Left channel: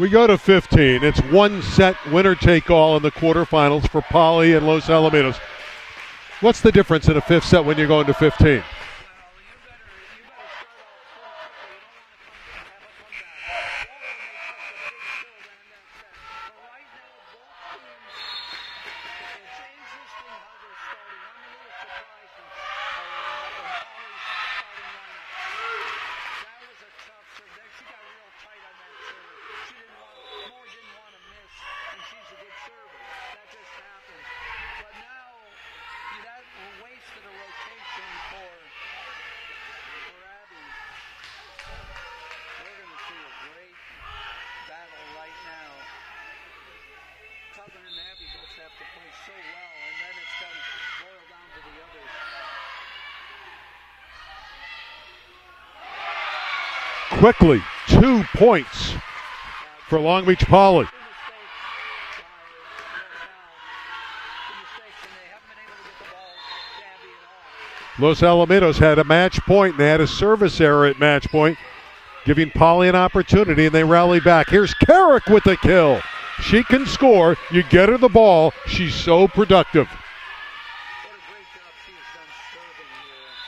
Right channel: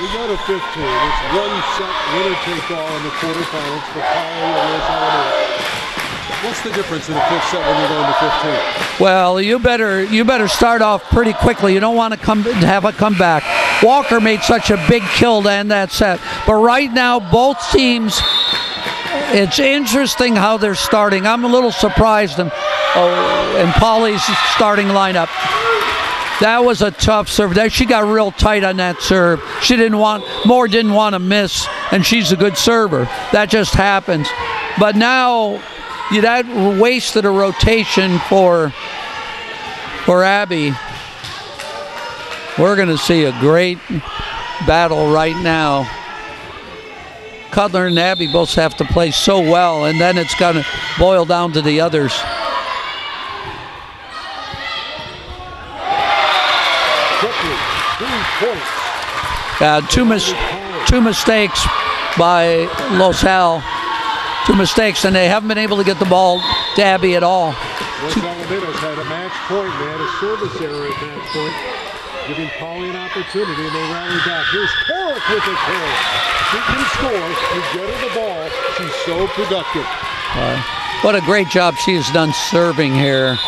We go to 15. It's one set winner take all in the quarterfinals for Poly and Los Alamitos. What's the difference in the fifth set when you're going to 15? Well, you better start off pretty quickly. You don't want to have a comeback. Walker made such a big kill to end that set. But right now, both teams, it's interesting how they're starting. I'm a little surprised in Poly's starting lineup. That was a tough serve. She got real tight on that serve. She didn't want to miss, and she's a good server. That just happens. But now, that wasted a rotation for Abby. We're going to see a great battle right now. Cutler and Abby both have to play so well, and then it's going to boil down to the others. Quickly, 2 points. Two mistakes by Los Al. 2 mistakes, and they haven't been able to get the ball to Abby at all. Los Alamitos had a match point, and they had a service error at match point, giving Poly an opportunity, and they rally back. Here's Carrick with a kill. She can score. You get her the ball. She's so productive. What a great job she has done serving here.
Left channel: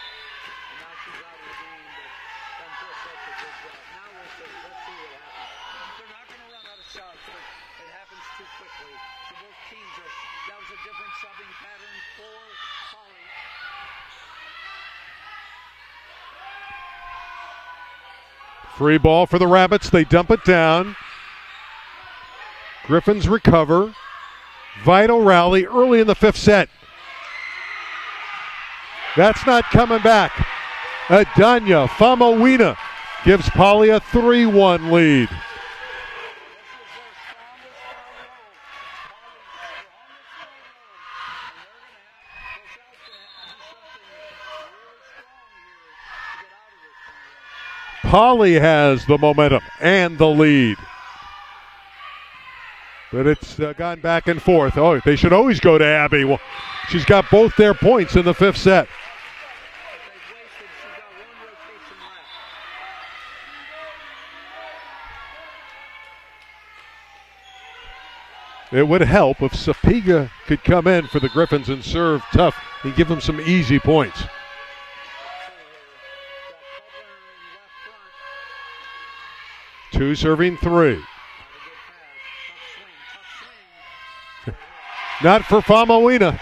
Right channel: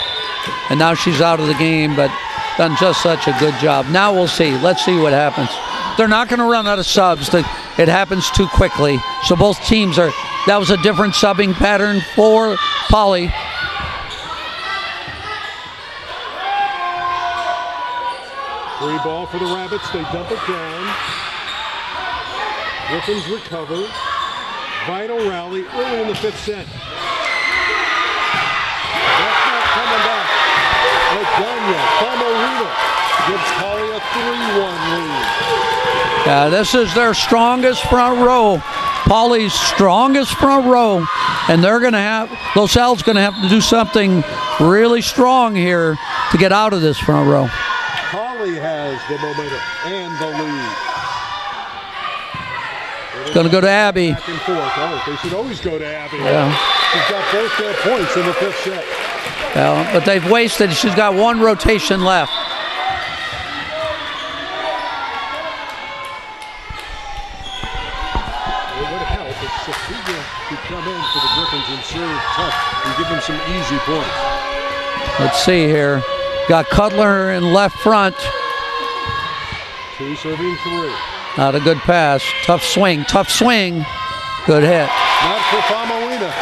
And now she's out of the game, but done just such a good job. Now we'll see. Let's see what happens. They're not going to run out of subs. It happens too quickly. So both teams are. That was a different subbing pattern for Poly. Free ball for the Rabbits. They dump it down. Griffins recover. Vital rally early in the fifth set. That's not coming back. Adanya Famawina gives Poly a 3-1 lead. Yeah, this is their strongest front row. Poly's strongest front row. And they're going to have, Los Al's going to have to do something really strong here to get out of this front row. Poly has the momentum and the lead. It's going to go to Abby. Back and forth. Oh, they should always go to Abby. Yeah. She's got both their points in the fifth set. Well, but they've wasted. She's got 1 rotation left. It would help if Sapiga could come in for the Griffins and serve tough and give them some easy points. Let's see here. Got Cutler in left front. 2 serving 3. Not a good pass. Tough swing. Good hit. Not for Famawina.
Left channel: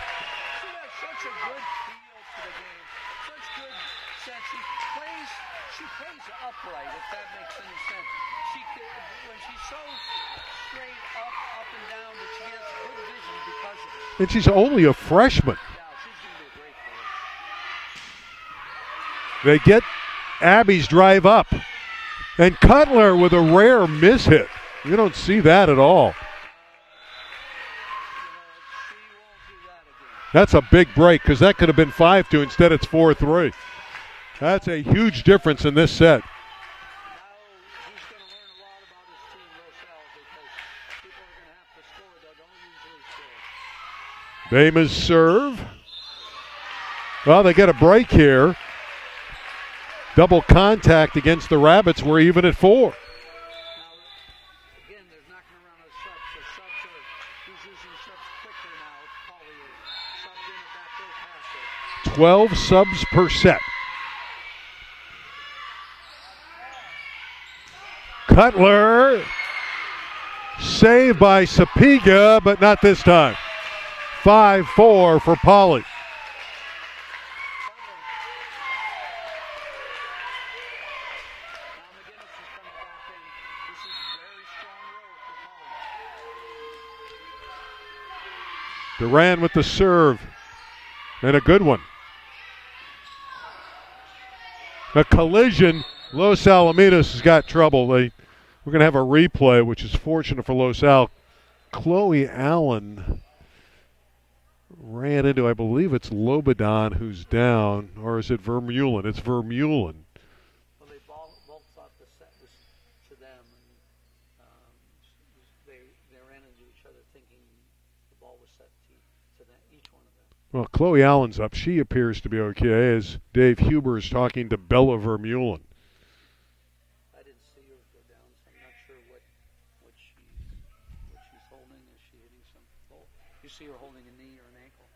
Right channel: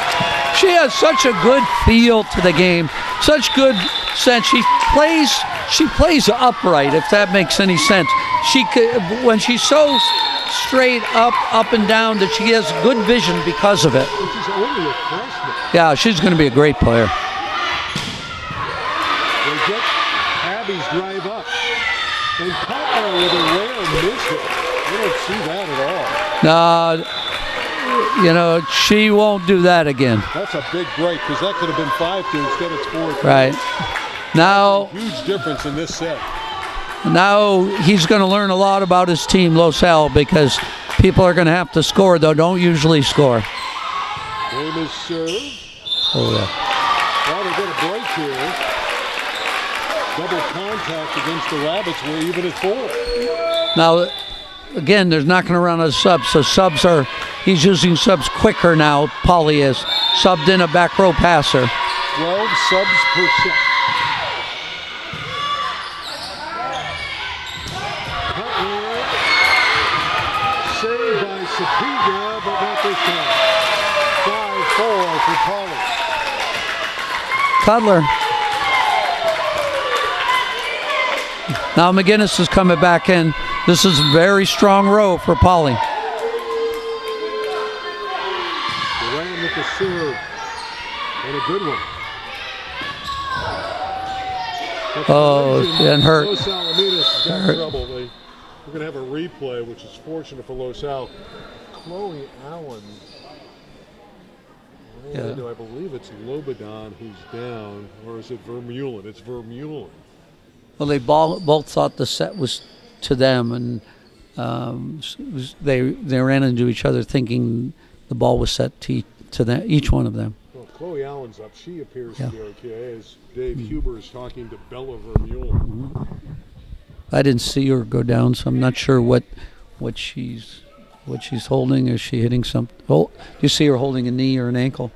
She has such a good feel to the game. Such good sense. She plays upright, if that makes any sense. When she's so straight up and down, that she has good vision because of it. And she's only a freshman. Yeah, she's going to be a great player. They get Abby's drive up. And Cutler with a rare miss hit. You don't see that at all. No, she won't do that again. That's a big break, because that could have been 5-2. Instead it's 4-3. Right. Now, that's a huge difference in this set. Now he's going to learn a lot about his team, Los Al, because people are going to have to score, though. Don't usually score. Famous serve. Oh, yeah. Well, they get a break here. Double contact against the Rabbits. We're even at 4. Now, again, there's not going to run a sub, so he's using subs quicker now. Poly is subbed in a back row passer. 12 subs per set. Cutler, saved by Sapiga, but not this time. 5-4 for Poly. Cutler. Now McGinnis is coming back in. This is a very strong row for Poly. Duran with the serve. And a good one. A collision. Los Alamitos has got trouble. We're going to have a replay, which is fortunate for Los Al. Chloe Allen ran into, I believe it's Lobadan who's down, or is it Vermeulen? It's Vermeulen. Well, they both thought the set was to them, and they ran into each other thinking the ball was set to each one of them. Well, Chloe Allen's up. She appears to be okay as Dave Huber is talking to Bella Vermeulen. I didn't see her go down, so I'm not sure what she's holding. Is she hitting something? Oh, you see her holding a knee or an ankle?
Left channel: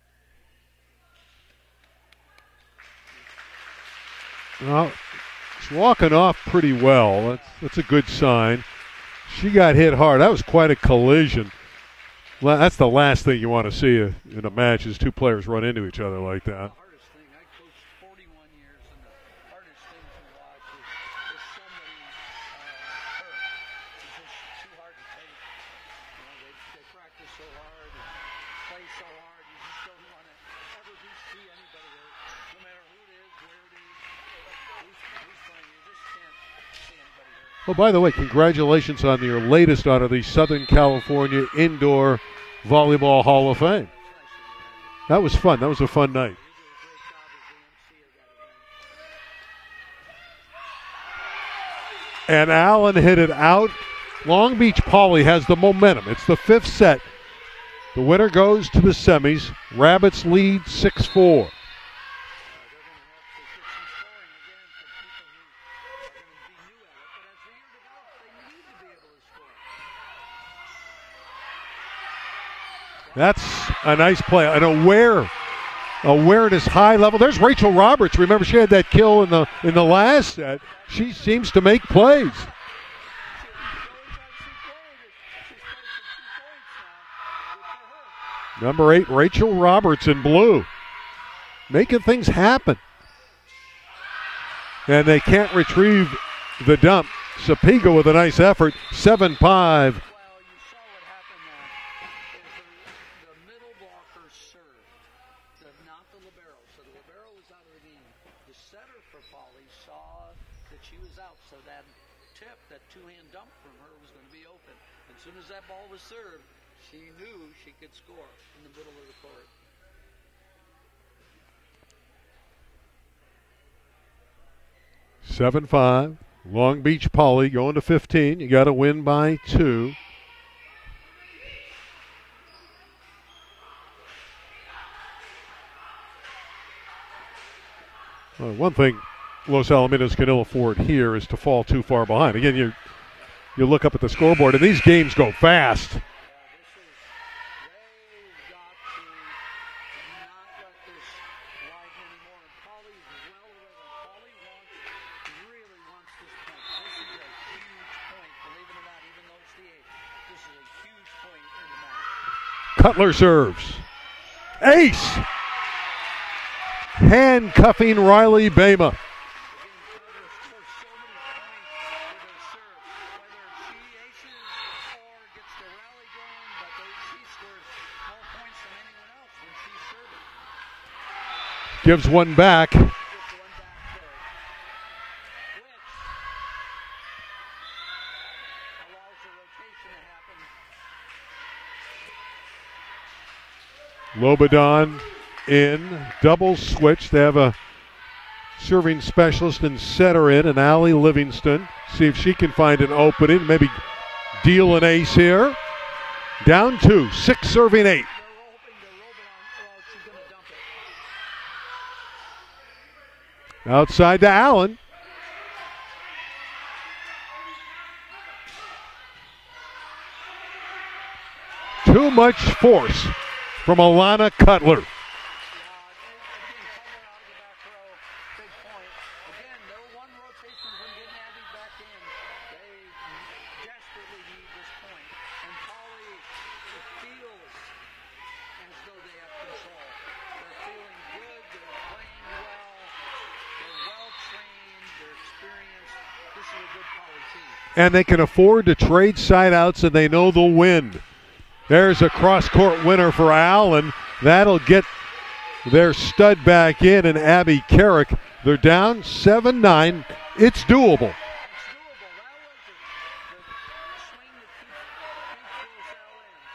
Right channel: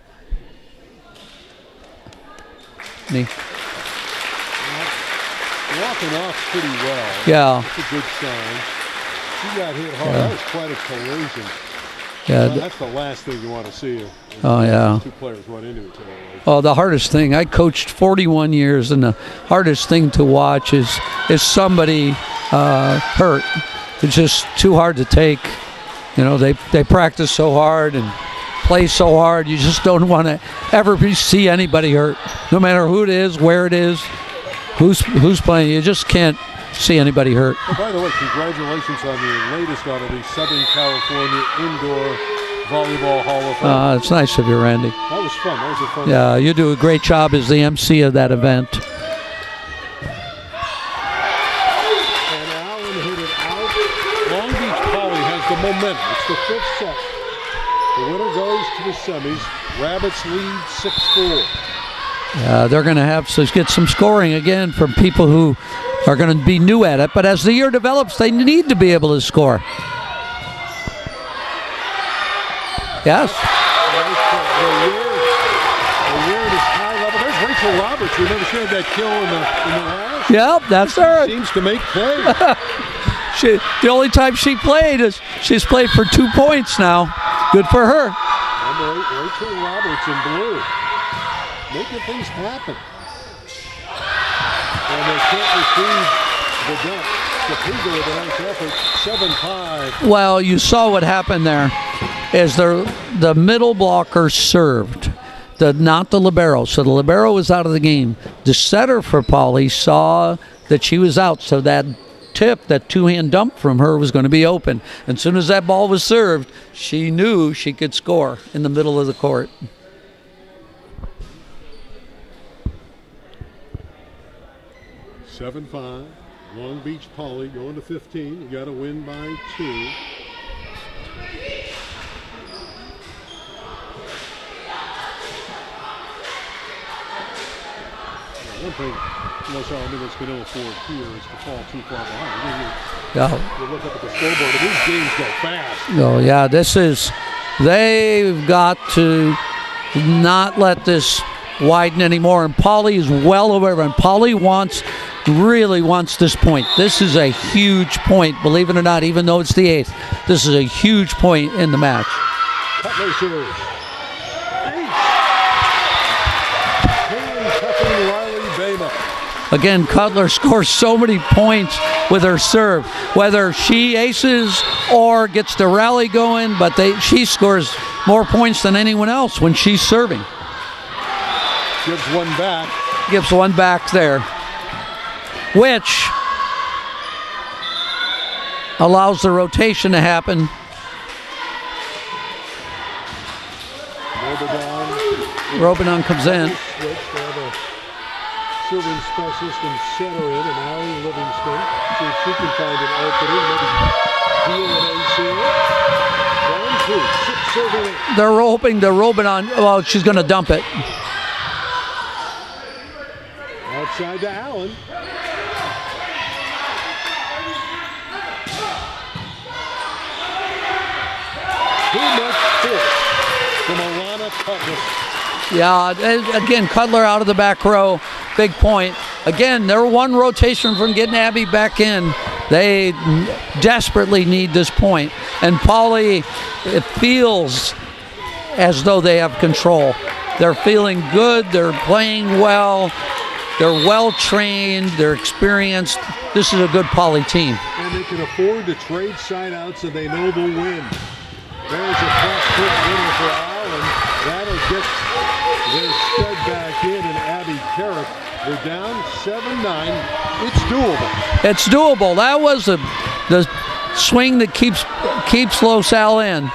Knee. Well, walking off pretty well. Yeah. That's a good sign. She got hit hard. That was quite a collision. Yeah, well, that's the last thing you want to see in a match is two players run into each other like that. Oh, the hardest thing. I coached 41 years, and the hardest thing to watch is somebody hurt. It's just too hard to take. You know, they practice so hard and play so hard. You just don't want to ever see anybody hurt, no matter who it is, where it is, who's playing. You just can't see anybody hurt. Well, by the way, congratulations on your latest out of the Southern California Indoor Volleyball Hall of Fame. It's nice of you, Randy. That was fun. That was a fun night. You do a great job as the MC of that event. And Allen hit it out. Long Beach Poly has the momentum. It's the 5th set. The winner goes to the semis. Rabbits lead 6-4. They're going to have to get some scoring again from people who are going to be new at it. But as the year develops, they need to be able to score. Yeah, that's a nice play. An awareness, high level. There's Rachel Roberts. Remember, she had that kill in the last. Yep, that's her. She seems to make plays. The only time she played is she's played for 2 points now. Good for her. Number 8, Rachel Roberts in blue. Making things happen. And they can't retrieve the dump. Topeka with a nice effort, 7-5. Well, you saw what happened there. Is the middle blocker served, not the libero. So the libero was out of the game. The setter for Poly saw that she was out, so that tip, that two-hand dump from her was going to be open. And as soon as that ball was served, she knew she could score in the middle of the court. (7-5). Long Beach Poly going to 15. You got to win by 2. One thing Los Alamitos can ill afford here is to fall too far behind. Again, you look up at the scoreboard, and these games go fast. Oh, yeah, they've got to not let this widen anymore. And Poly is well aware of it. And Poly really wants this point. This is a huge point, believe it or not, even though it's the 8th. This is a huge point in the match. Cutler serves. Ace! Handcuffing Riley Bama. Again, Cutler scores so many points with her serve, whether she aces or gets the rally going, but she scores more points than anyone else when she's serving. Gives one back. Gives one back there, which allows the rotation to happen. Lobodon comes double in. Switch. They have a serving specialist and setter in, and Allie Livingston. See if she can find an opening. Maybe deal an ace here. Down 2, 6 serving 8. They're hoping to Lobodon. Well, she's going to dump it. Outside to Allen. Too much force from Alana Cutler. Yeah, again, Cutler out of the back row. Big point. Again, they're one rotation from getting Abby back in. They desperately need this point. And Poly, it feels as though they have control. They're feeling good. They're playing well. They're well trained. They're experienced. This is a good Poly team. And they can afford to trade side outs, and they know they'll win. There's a cross-court winner for Allen. That'll get their stud back in, and Abby Carrick. They're down 7-9. It's doable. It's doable. That was the swing that keeps Los Al in.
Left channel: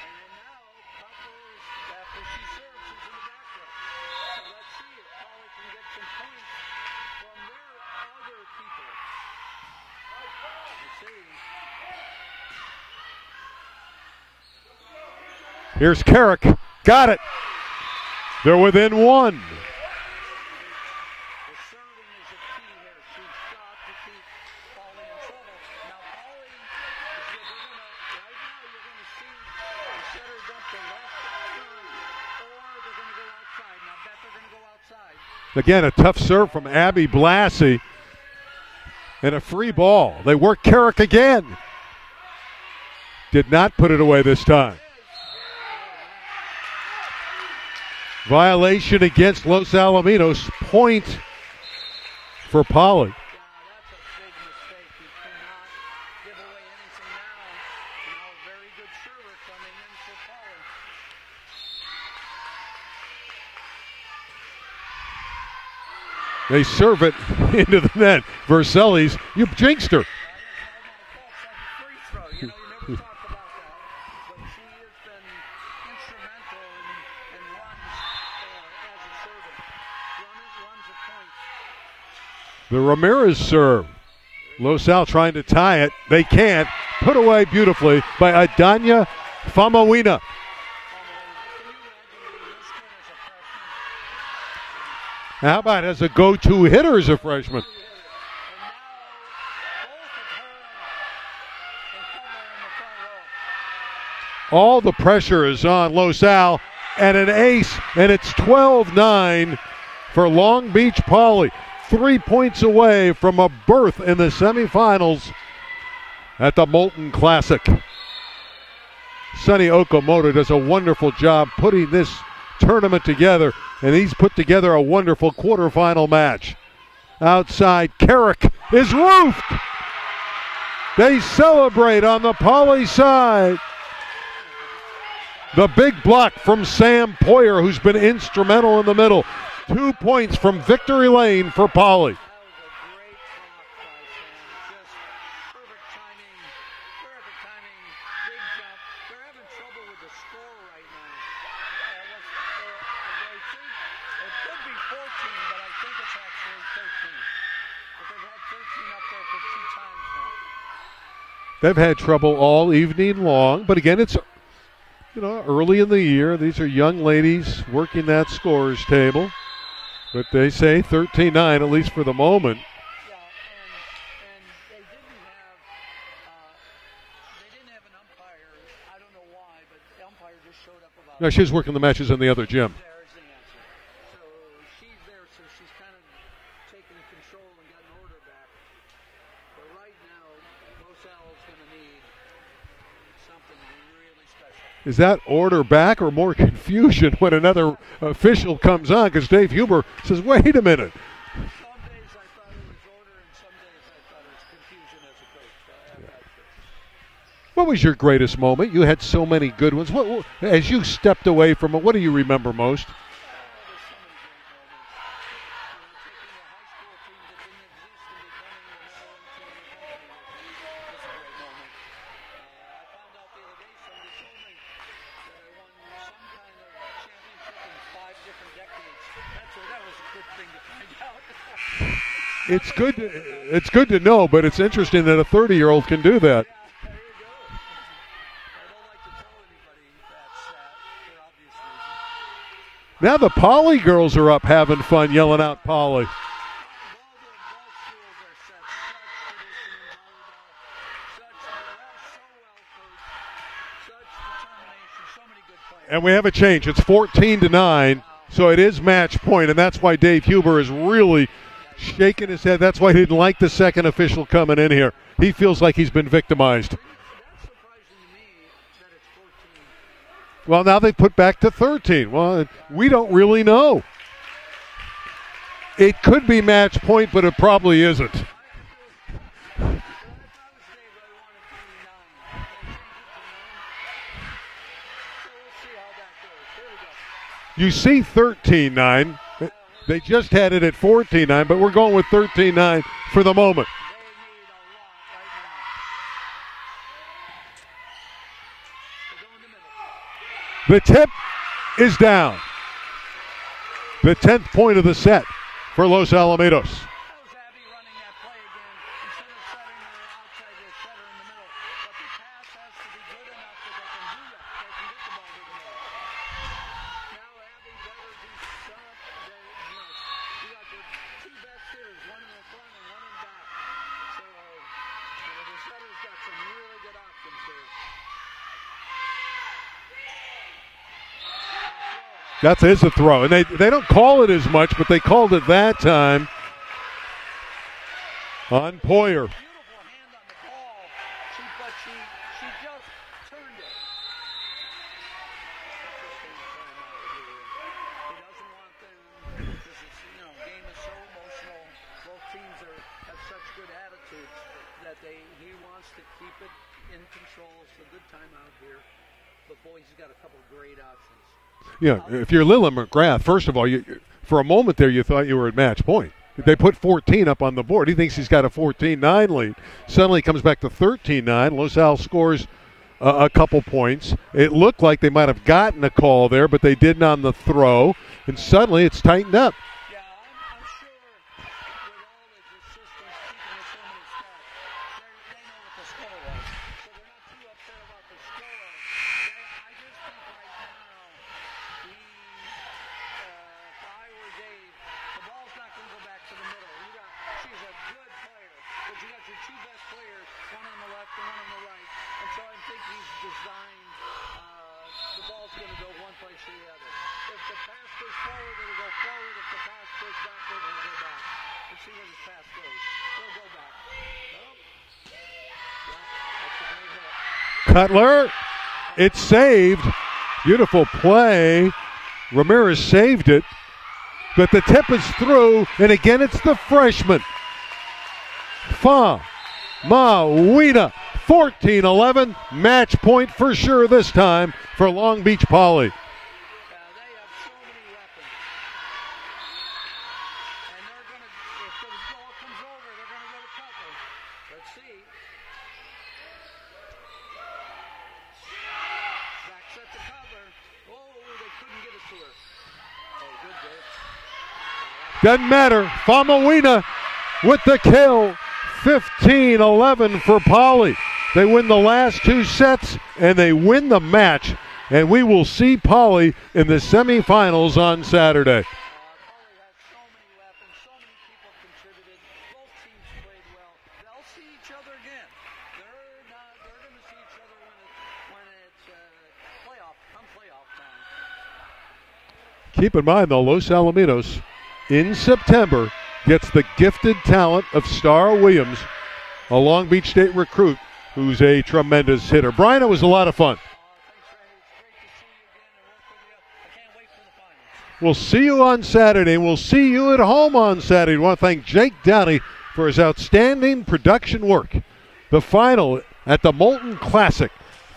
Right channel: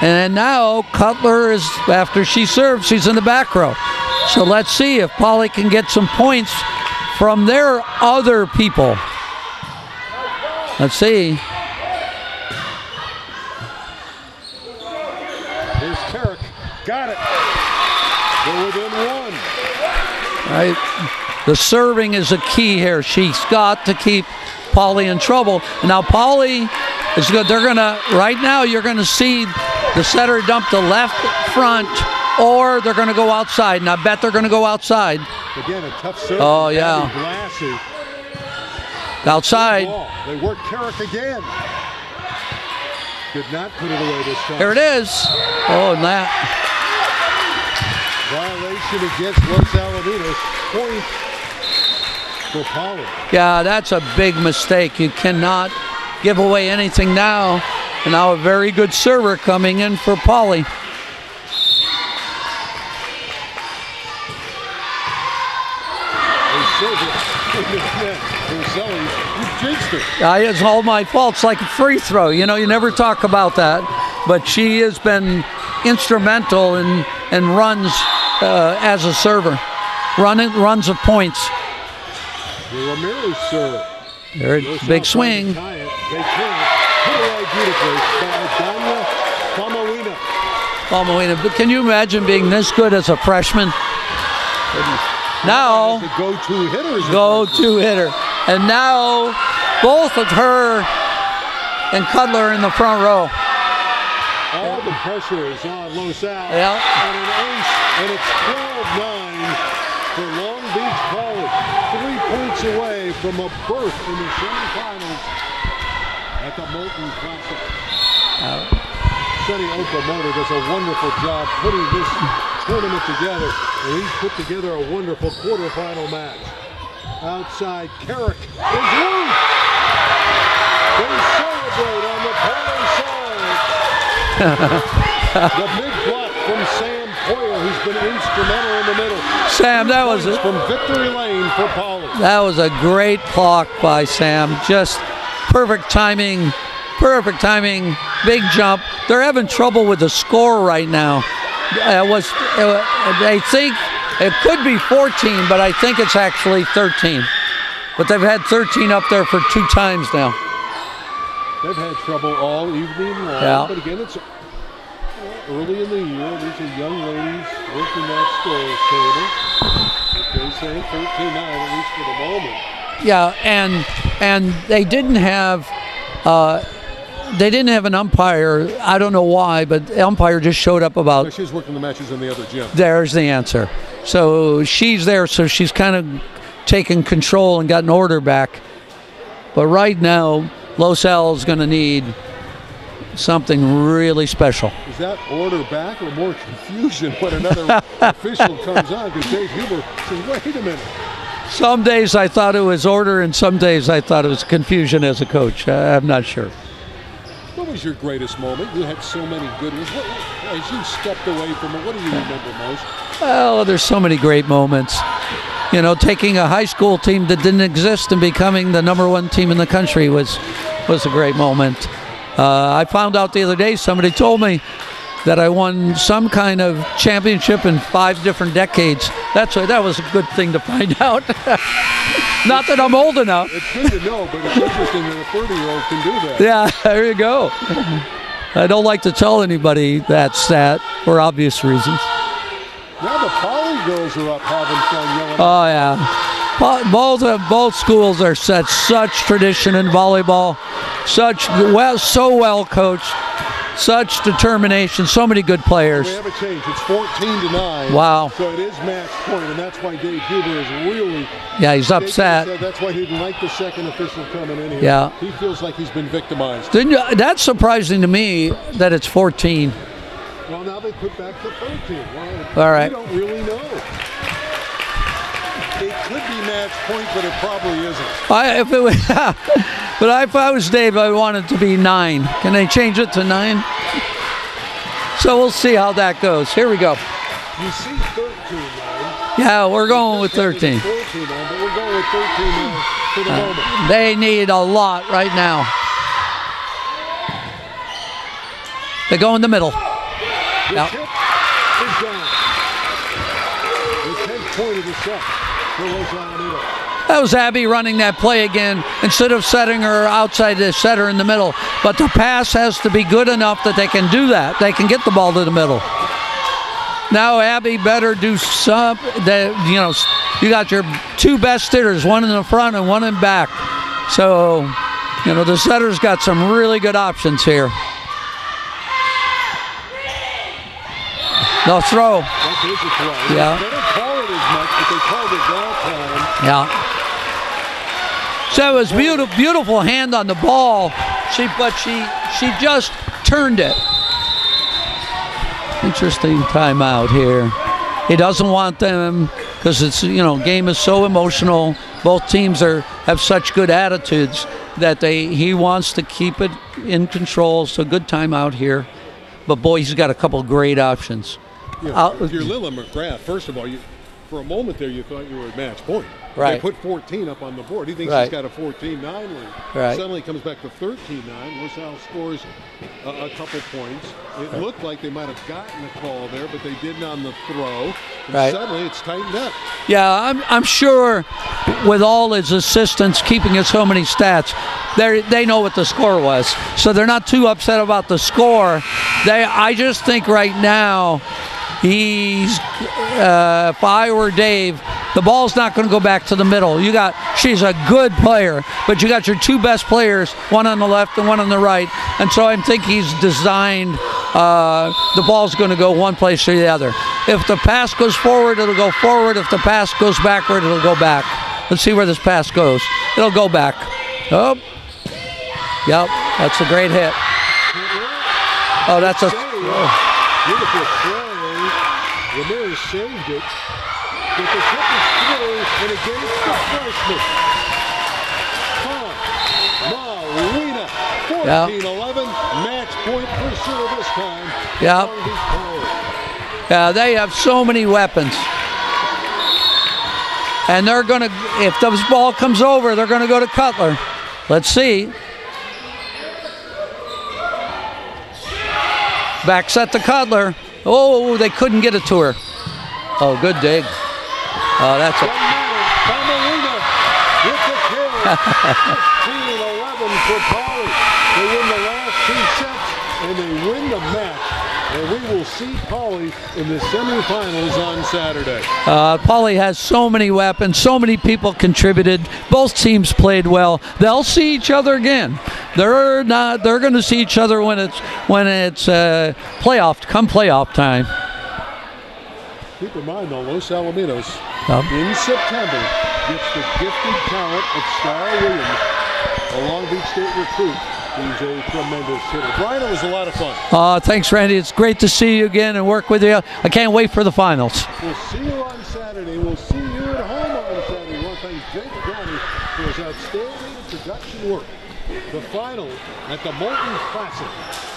And now Cutler is, after she serves, she's in the back row. So let's see if Poly can get some points from their other people. Let's see. Here's Carrick. Got it. They're within one. Right. The serving is a key here. She's got to keep Polly in trouble. Now Polly is good. They're gonna right now. You're gonna see the setter dump the left front, or they're gonna go outside. And I bet they're gonna go outside. Again, a tough serve from Abby Blassie. And Outside. Ball. They work Carrick again. Did not put it away this time. There it is. Oh, and that. Violation against Los Alamitos. Point for Polly. Yeah, that's a big mistake. You cannot give away anything now. And now a very good server coming in for Polly. They serve it into the net. Verselli's, you jinxed her. It's all my fault. It's like a free throw. You know, you never talk about that. But she has been instrumental in runs as a server. Runs of points. The Ramirez serve. Los Al trying to tie it. They can't. Put away beautifully by Adanya Famawina. But can you imagine being this good as a freshman? Now, as a go-to hitter, hitter. And now both of her and Cutler in the front row. All the pressure is on Los Al, and an ace, and it's 12-9 for Long Beach Poly. 3 points away from a berth in the semifinals at the Molten Classic. Sonny Okamoto does a wonderful job putting this tournament together, and he's put together a wonderful quarterfinal match. Outside, Carrick is loose. They celebrate on the Poly side. The big block from Sam Poyer, who's been instrumental in the middle. Sam, 2 points from victory lane for Poly. That was a great block by Sam. Just perfect timing, big jump. They're having trouble with the score right now. They think it could be 14, but I think it's actually 13. But they've had 13 up there for 2 times now. They've had trouble all evening long, but again, it's early in the year. These are young ladies working that scorer's table. But they say 13-9, at least for the moment. Yeah, and they didn't have an umpire. I don't know why, but the umpire just showed up about. No, she's working the matches in the other gym. There's the answer. So she's there, so she's kind of taken control and gotten order back. But right now, Los Al is going to need something really special. Is that order back or more confusion when another official comes on? Because Dave Huber says, wait a minute. Some days I thought it was order, and some days I thought it was confusion as a coach. I'm not sure. What was your greatest moment? You had so many good ones. As you stepped away from it, what do you remember most? Well, there's so many great moments. You know, taking a high school team that didn't exist and becoming the #1 team in the country was a great moment. I found out the other day, somebody told me that I won some kind of championship in 5 different decades. That was a good thing to find out. Not that I'm old enough. It's good to know, but it's interesting that a 30-year-old can do that. Yeah, there you go. I don't like to tell anybody that stat for obvious reasons. Now the Poly girls are up having fun yelling out Poly. Yeah. Both schools are such tradition in volleyball, so well coached, such determination, so many good players. And we have a change. It's 14-9. Wow. So it is match point, and that's why Dave Huber is really he's upset. That's why he didn't like the second official coming in here. Yeah. He feels like he's been victimized. That's surprising to me that it's 14. Well, now they put back to 13. Well, all right. We don't really know. It could be match point, but it probably isn't. But if I was Dave, I want it to be 9. Can they change it to 9? So we'll see how that goes. Here we go. You see 13-9. Yeah, we're going with 13. It at 14-9, but we're going with 13-9 for the moment. They need a lot right now. They go in the middle. The tip is down. The 10th point of the set for Los Alamitos. That was Abby running that play again instead of setting her outside, they set her in the middle. But the pass has to be good enough that they can do that. They can get the ball to the middle. Now Abby better do some. You got your two best hitters, one in the front and one in back. So, the setter's got some really good options here. No throw. That is a throw. They don't call it as much, but they called it that time. Yeah. So it was beautiful hand on the ball. She just turned it. Interesting timeout here. He doesn't want them because it's game is so emotional. Both teams have such good attitudes that he wants to keep it in control. So good timeout here. But boy, he's got a couple great options. Yeah, if you're Lila McGrath, first of all, for a moment there you thought you were at match point. Right. They put 14 up on the board. He thinks he's got a 14-9 lead. Right. Suddenly comes back to 13-9. Los Al scores a couple points. It looked like they might have gotten a call there, but they didn't on the throw. And suddenly it's tightened up. Yeah, I'm sure with all his assistants keeping us so many stats, they know what the score was. So they're not too upset about the score. I just think right now, if I were Dave, the ball's not going to go back to the middle. She's a good player, but you got your two best players, one on the left and one on the right. And so I think he's designed the ball's going to go one place or the other. If the pass goes forward, it'll go forward. If the pass goes backward, it'll go back. Let's see where this pass goes. It'll go back. Oh, yep, that's a great hit. Cutler, that's a save. Beautiful play. Ramirez saved it. But the tip is through, and again it's the freshman. Wina. 14-11. Match point for sure this time for Long Beach Poly. Yeah, they have so many weapons. And they're going to, if the ball comes over, they're going to go to Cutler. Let's see. Back set to Cutler. Oh, they couldn't get it to her. Oh, good dig. Doesn't matter. Wina with the kill. 15-11 for Poly. They win the last two sets, and they win the match. And we will see Poly in the semifinals on Saturday. Poly has so many weapons, so many people contributed. Both teams played well. They'll see each other again. They're going to see each other when it's playoff time. Keep in mind, though, Los Alamitos in September gets the gifted talent of Star Williams, a Long Beach State recruit who's a tremendous hitter. Brian, it was a lot of fun. Thanks, Randy. It's great to see you again and work with you. I can't wait for the finals. We'll see you on Saturday. We'll see you at home on Saturday. I want to thank Jake Downey for his outstanding production work. The final at the Molten Classic,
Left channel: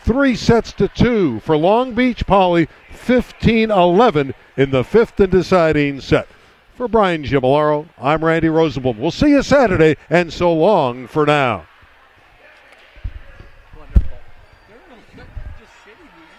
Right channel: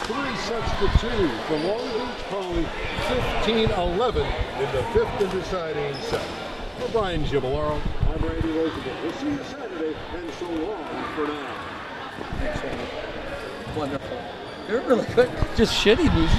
3-2 for Long Beach Poly, 15-11 in the fifth and deciding set. For Brian Gimolaro, I'm Randy Rosenblum. We'll see you Saturday, and so long for now. Wonderful. You're really good. Just shitty moves.